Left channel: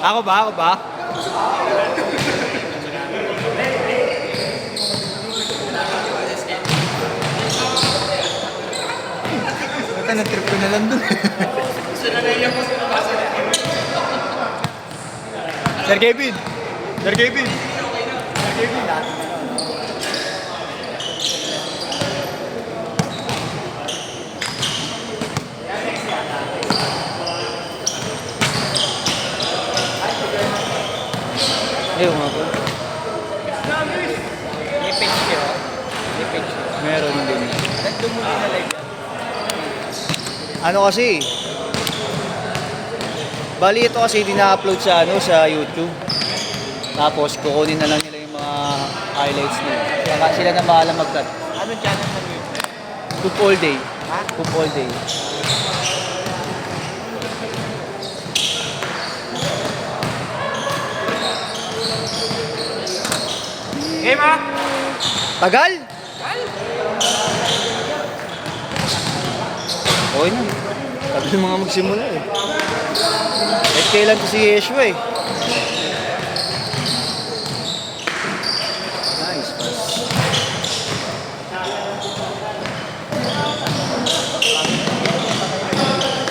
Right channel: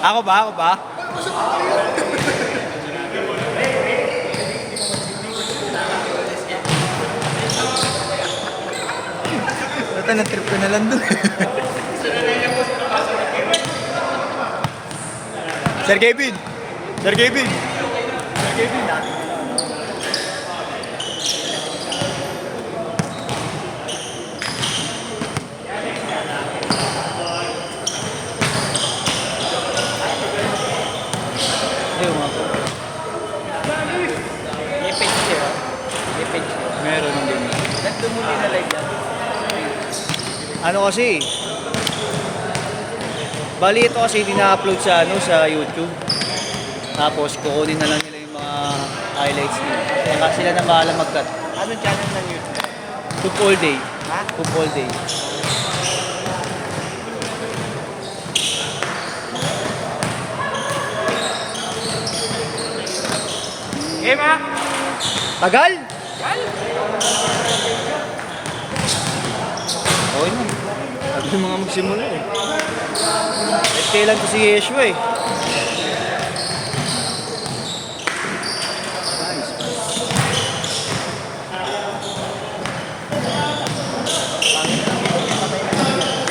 Ako ba? Ako ba? Bata, na-trip ko na lang dun. Sir Kevin! Sir Kevin! Sir Kevin, dati. Ayun mo. May page siya. May page siya. Meron din. Nagdumuli na live yan. Ano kasi? Bali ito kasi dina-upload sa sa YouTube. Tapos kukunin na lang nila yung mga highlights nila. Kaya sila na bahala mag-cut. Anong channel ng YouTube? Cook all day. Ha? Cook all day. Eh, ma? Tagal? Okay na. Tagal mga magsimula eh. Eh, kailan ko si Yeshua eh. Nice,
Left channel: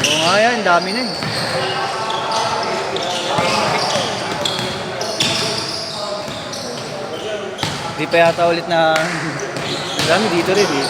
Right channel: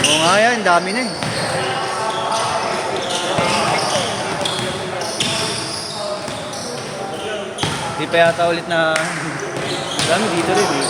oo nga yan, dami na eh. Di pa yata ulit na dami dito rin eh.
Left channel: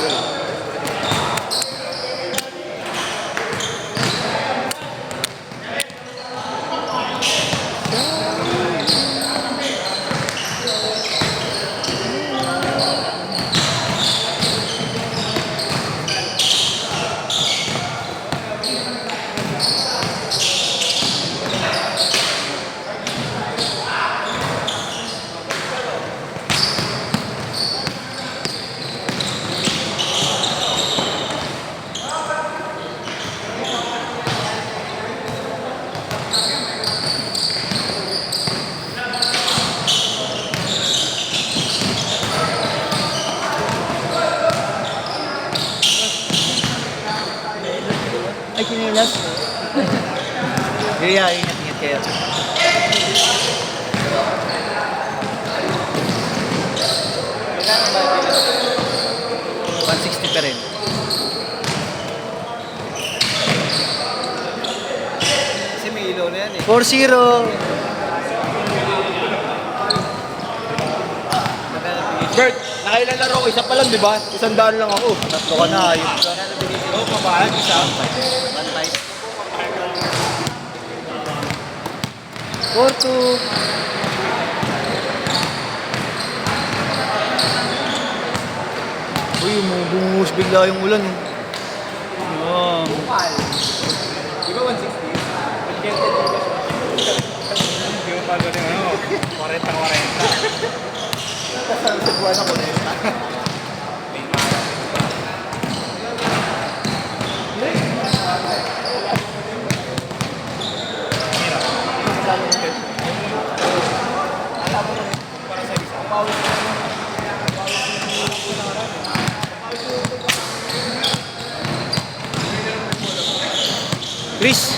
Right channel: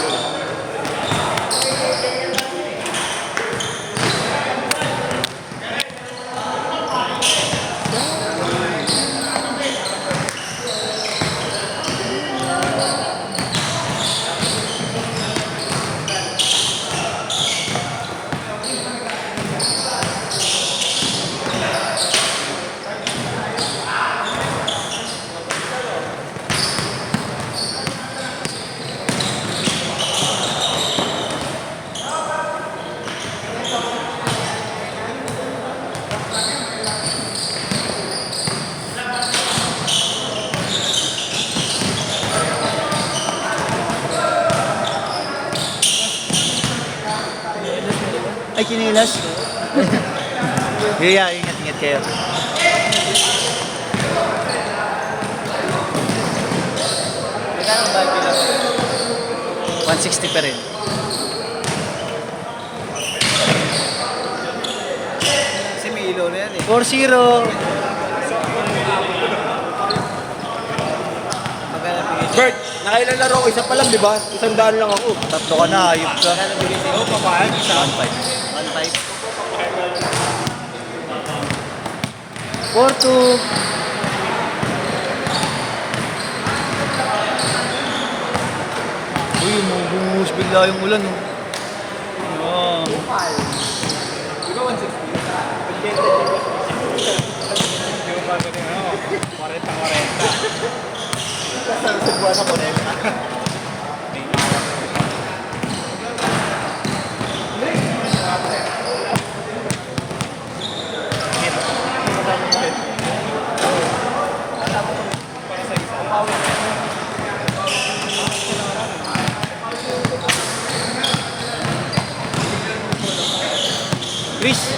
Ay, kinilas. Yeah, ingat-ingat kayo. 160 pa rin. Kasi may ilaw na yan eh. 4-0. Bert, nakailalaro ko. Isa pa lang, di ba? 100 lang ako. Tatlo ka na, ayun ka. Oo, papaan. Isa. 4-2. Uy, bumuhos bigla yung ulan oh. Yan. Di ba 160? Chris.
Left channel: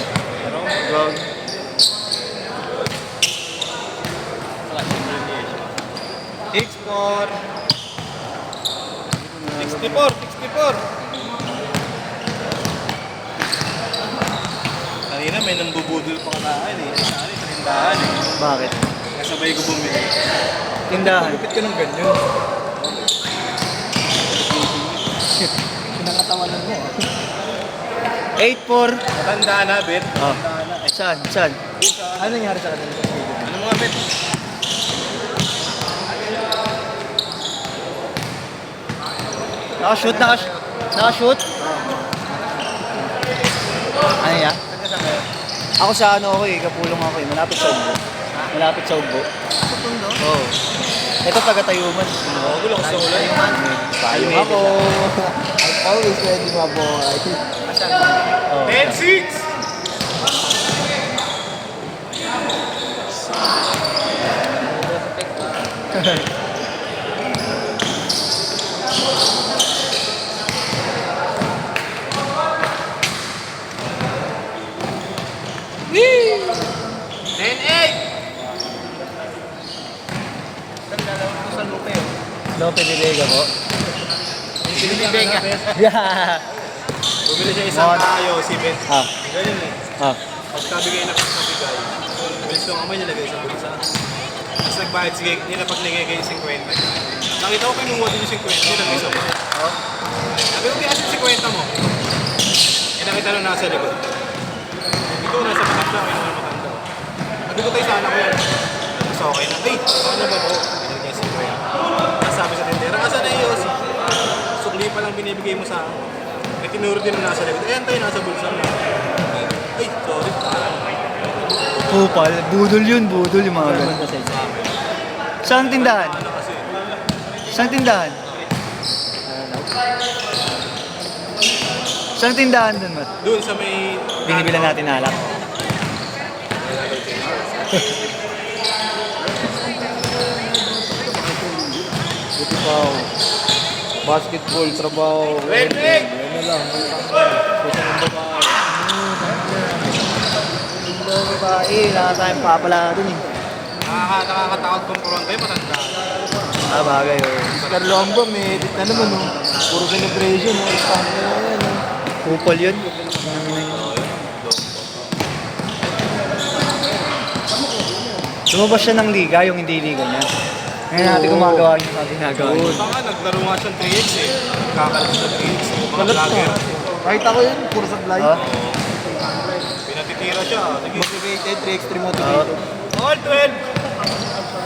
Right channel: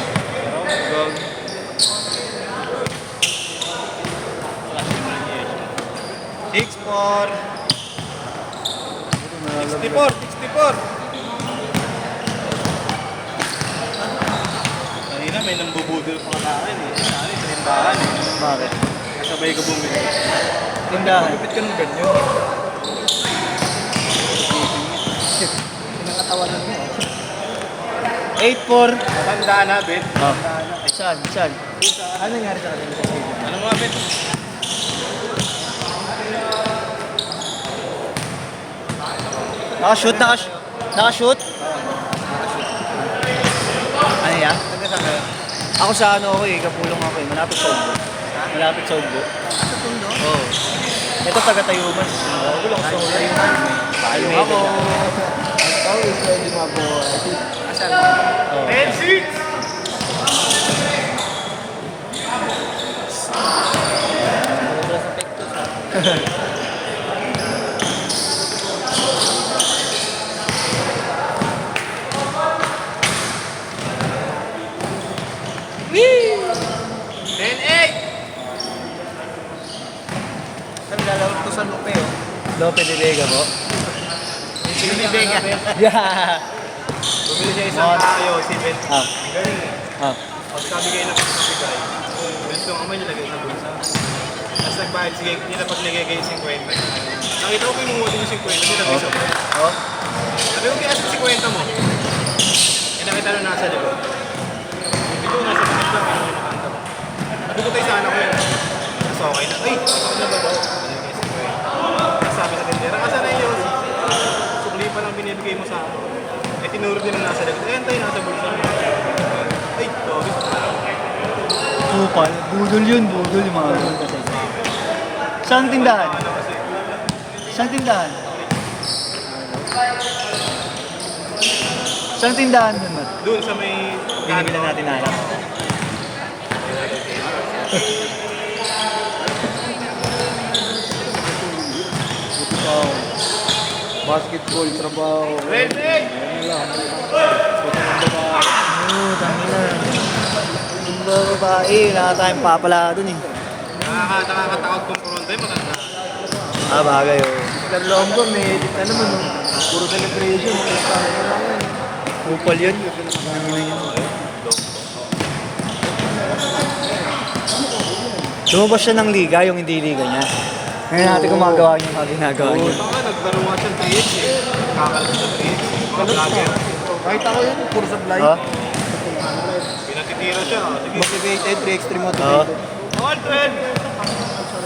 64. 64. Kanina may nambubudol pa na akin eh. Sa akin, tindahan eh. Bakit? Kasabay ko bumili. Tindahan. Lupit ka ng ganyan. Nakakatawa lang yan. 8-4. Matandaan na, Bet. Oh. Saan? Ano nangyari sa kanila sa stadium? Ano mga Bet? Nakashoot. Ano yan? Taga saan kayo? Ako sa ako eh, kapulong ako eh. Malapit sa Ugbo. Ha? Malapit sa Ugbo. Sa Tondo? Oo. Oh. Ito taga-Tayuman. Oo, gulo ko sa ulan. Tayuman? Ay, medyo lang. Ako is ready mga buhay. Asan? Oo. 10-6! Woo! 10-8! Lope de Vega po. Sino ni Vega? Yeah! Bumili siya isang kayo, sibet. Ah, Ganun eh. ah. Tapos kabigay na bigay. Bilis ko kamay nilagay sa bulsa. Tapos nagbayad, sige, nilapag nilagay yung 50. Nakita ko kinuha din yung 50, nilagay sa bulsa. Oh. Sabi ko, kaya sa 50 mo? Eh, nakita na nasa likod. Dito, nasa bilis lang, ano yung makanta mo. Sabi ko tayo sana ko yun. Tapos okay na. Ay, ano ba ko? Nilagay yung 50. Tapos sabi sa tindera, asan na yun? Sukli pa lang binibigay mo sa ako. Eh, tinuro din na nasa likod. Ayan tayo, nasa bulsa mo. Ay, sorry. Kupal. Budol yun, budol yung mga ganun. Saan tindahan? Saan tindahan? Saan tindahan dun? Matt? Doon sa may... Binibilan natin alak. Basketball, trabaho. Perfect! Wala nga tayong papala dun eh. Nakakatakot kumpronto yung matanda. Ah, bagay oh. Carlombo, may ano mo, puro celebration. Kupal yun. Nanginan yun. Lumabas siya ng liga, yung hindi liga niya. Ngayon natin gumagawa yung mga ginagawa niya. Baka naglaro nga siyang 3x eh. Kakalas ng 3x. Vlogger. Kahit ako yun, puro supply. Oh? Pinatitira siya. Motivated, 3 extreme motivated. All 12!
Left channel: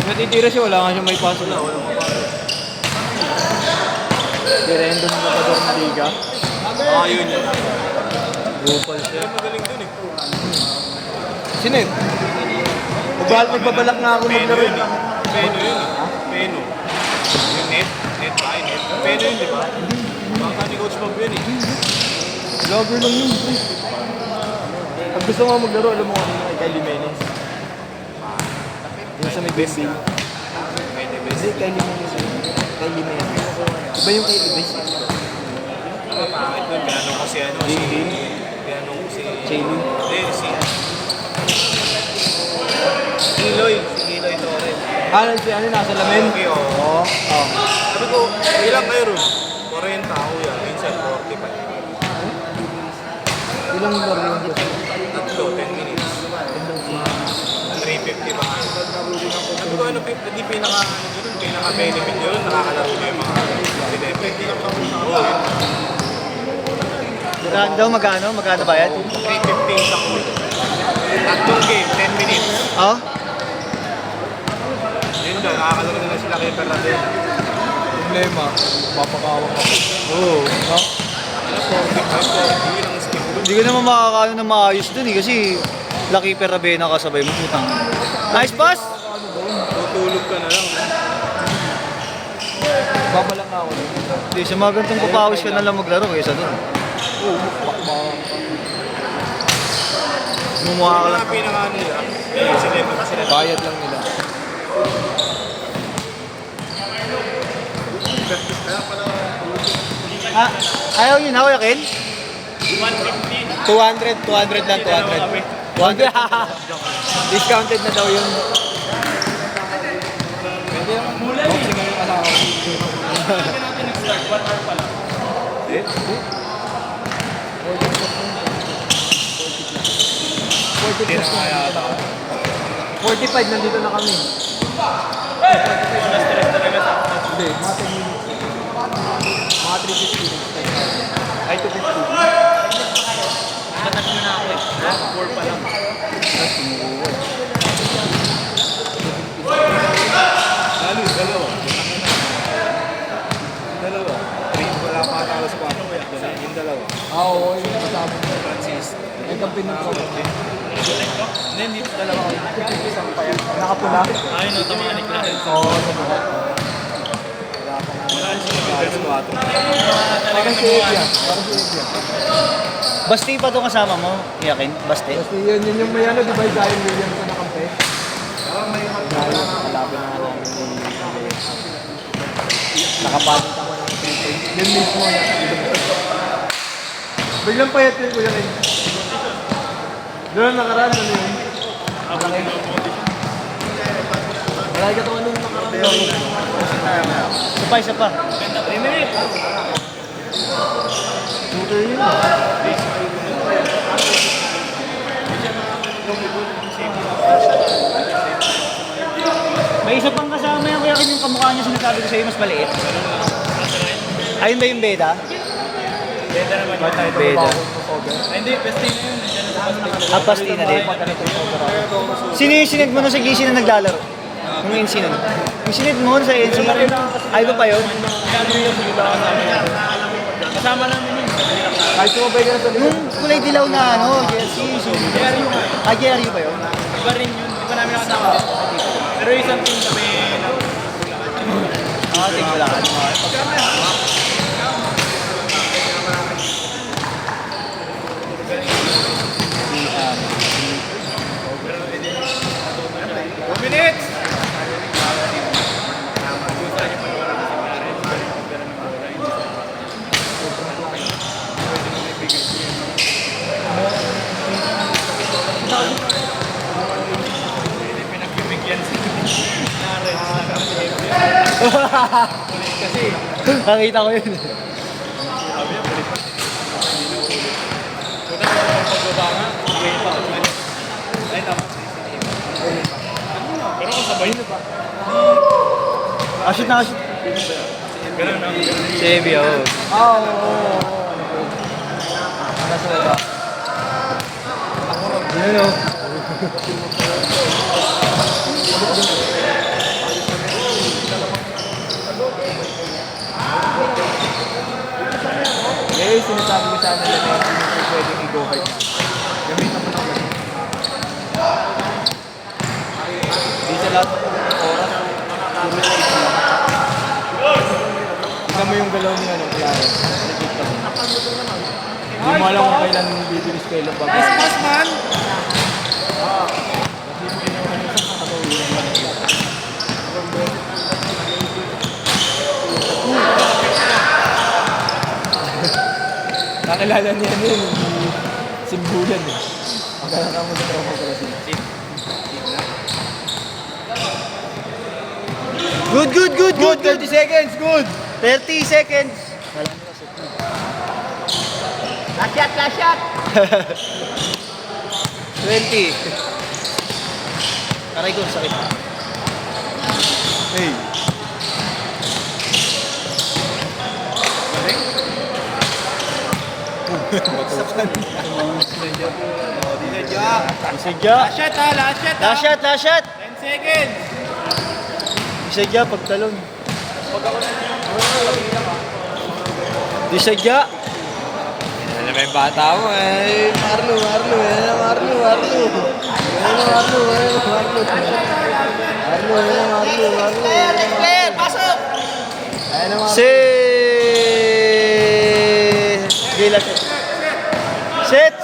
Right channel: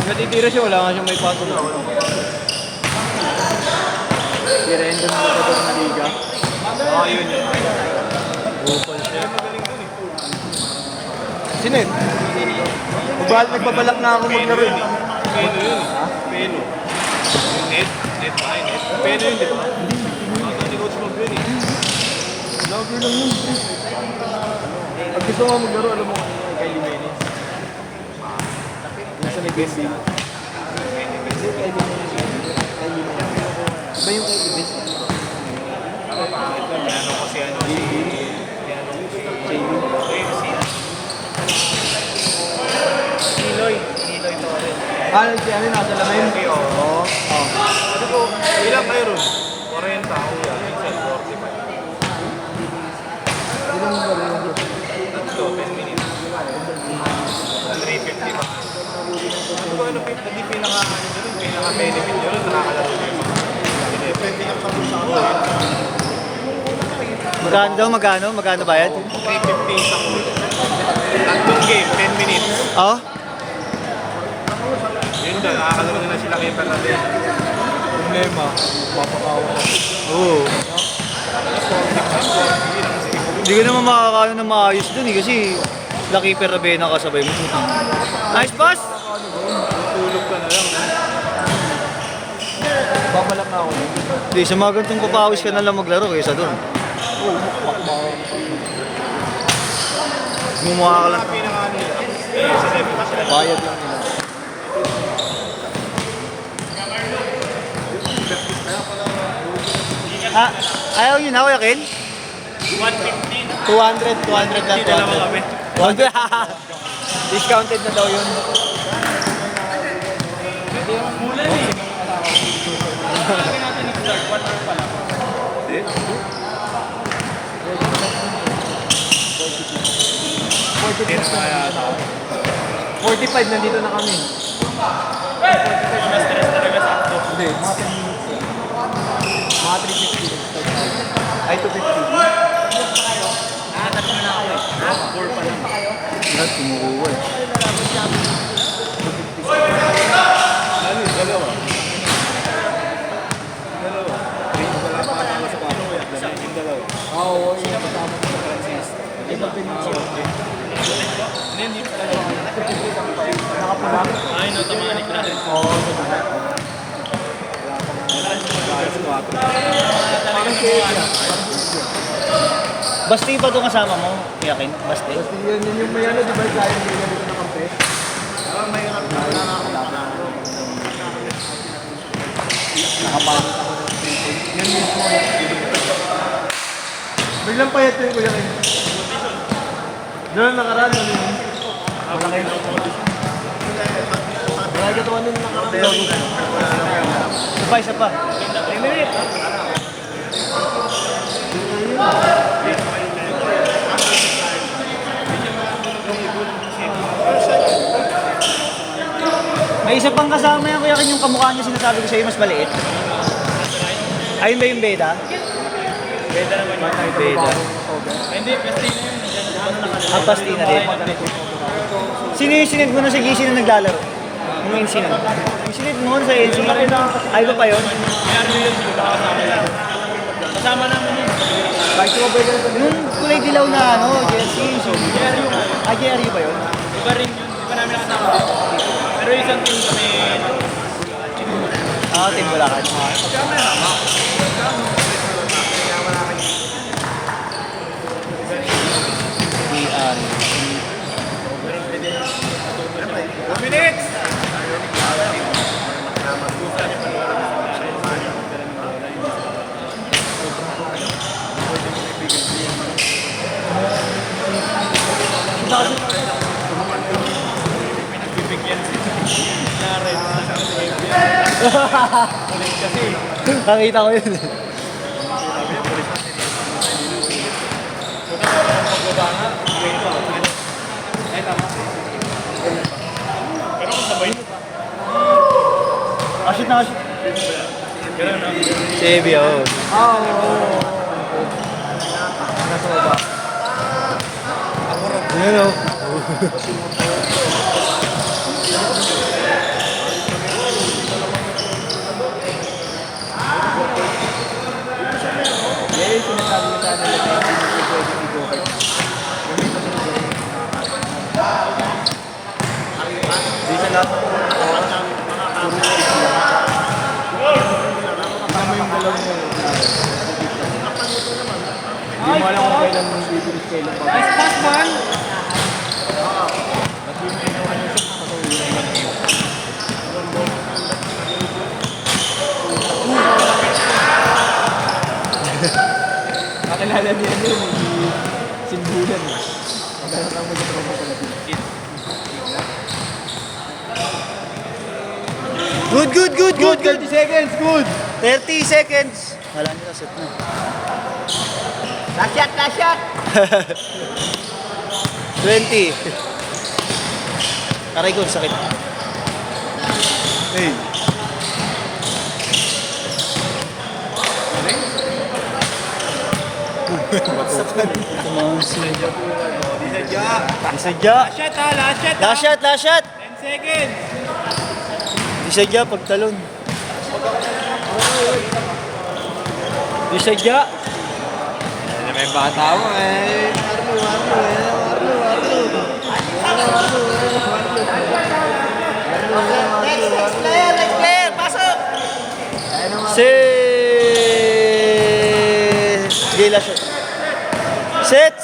Natitira siya, wala nga siyang may paso na. Direndon mo ka doon na liga. Yun yun. Bupal siya. Magaling din eh. Sino yun? Nagbabalak nga ako maglaro eh. Peno yun. Ha? Peno. Yung head ba? Peno yun, di ba? Baka ni Coach Mob yun eh. Lagi lang yun, pre. Pag gusto mo maglaro, alam mo kay Limenes. Yung sa may best team. Kasi kay Limenes. Iba yung i-best? Piano kasi ano si... Piano si... Jamie. Si... Iloy. Si Iloy Torres. Si ano, nasa lamin? Okay, oo. Sabi ko, ilang kayo ron? 40 ako yan. Minsan 40 ka. Ilang yung laro yung gusto? 10 minutes. 350 pa. Sabi ko, ano, hindi pinaka-benefit yun. Magkano bayad? 350 sa court. Tatlong game, 10 minutes. Oh? Yun doon, nakakalaro na sila kay Perrabena. Problema, papakawa ka. Oo. Hindi ka naman makakano na maayos dun eh kasi Lucky Perrabena kasabay mo. Putang. Nice pass! Tutulog ka na lang. Babalak na ako eh. Hindi, sa mga ganitong papawis ka na lang maglaro kaysa dun. Oo, mukbak. Gumawa ka lang. Ang pinaka nila, sila Bayad lang nila. Ah, ayaw nyo na, Kuya Ken? 200 na 200. Discounted na daw yun. $45 nandito na kami. na-stress talaga sakto. Hindi, mga 10 minutes yun. Mga 350 lang. Ay, 250. Natatlo na ako eh. 4 pa lang. Ano yung dalawa? Dalawa. 3 pa lang patalo sa bago. Yung dalawa. Oo, yun. Francis. Ito pinigil. Then, dito dalawa. Nakapinigil. Ay, no, di balik na rin. Talaga siya. Basti pa itong kasama mo, Kuya Ken? Basti? Kasi yun yung may ano, di ba yung giant million ito ng konti? Yun mismo. Biglang payat yun, Kuya Ken. Doon nakaraan, ano yun? Malaki katawan nun nakaraan. Isa pa. May isa pang kasama yan, kaya yung kamukha niya sinasabi ko sa'yo, mas maliit. Ayun ba yung beta? Beta naman yun. Beta. Hindi, pasting na yun. Pasting na din. Sino yung sinag mo na sa GC na naglalaro? Ano yung sinag? Yung sinag mo sa LC? Ay ba pa yun? Kasama naman yun. Yung kulay dilaw na ano, jersey, yung sinag. Jerry ba yun? Iba rin yun. Di ba namin nakasama din? Pero isang team kami. Tingnan. Pero hindi. Natuto siya. 4 minutes! Gusto niya panoorin niya si Clarence. Pero yung pagpera ng bola, hindi sa pwede mo naibigay siya. Pinagbibigyan siya. Reds na kami. Ulit kasi. Nakita ko yun. Sabi niya, polis na sinisip. Hindi na ulit. Punta ko pang pagbaba nga. Nakita ko. Ay, tama. Pero sabay na pa. Ashit na ashit. Ganun na. Chevy, oo. Oo. Nasa baba. Yun o. Eh, sinasabi ko sana nila na hindi pwede i-go-kart. Di sa lahat ng oras, puro speed lang. Tingnan mo yung galaw niya. Hindi mo alam kung kailan mong bibilis kailan ba. Christmas man! Nakilala niya yun. Simbulan eh. Good, good, good, good, good. 30 seconds, good! 30 seconds. Wala nila set na. Last shot! 20. Aray ko, sakit. Hey. Batukan. Isadya. Last shot ha! Last shot ha! Last shot, last shot. 10 seconds! Isadya, pagtalon. Isadya. Ano ba yung bata mo eh? Next player, pasok! Si... Gila set. Set,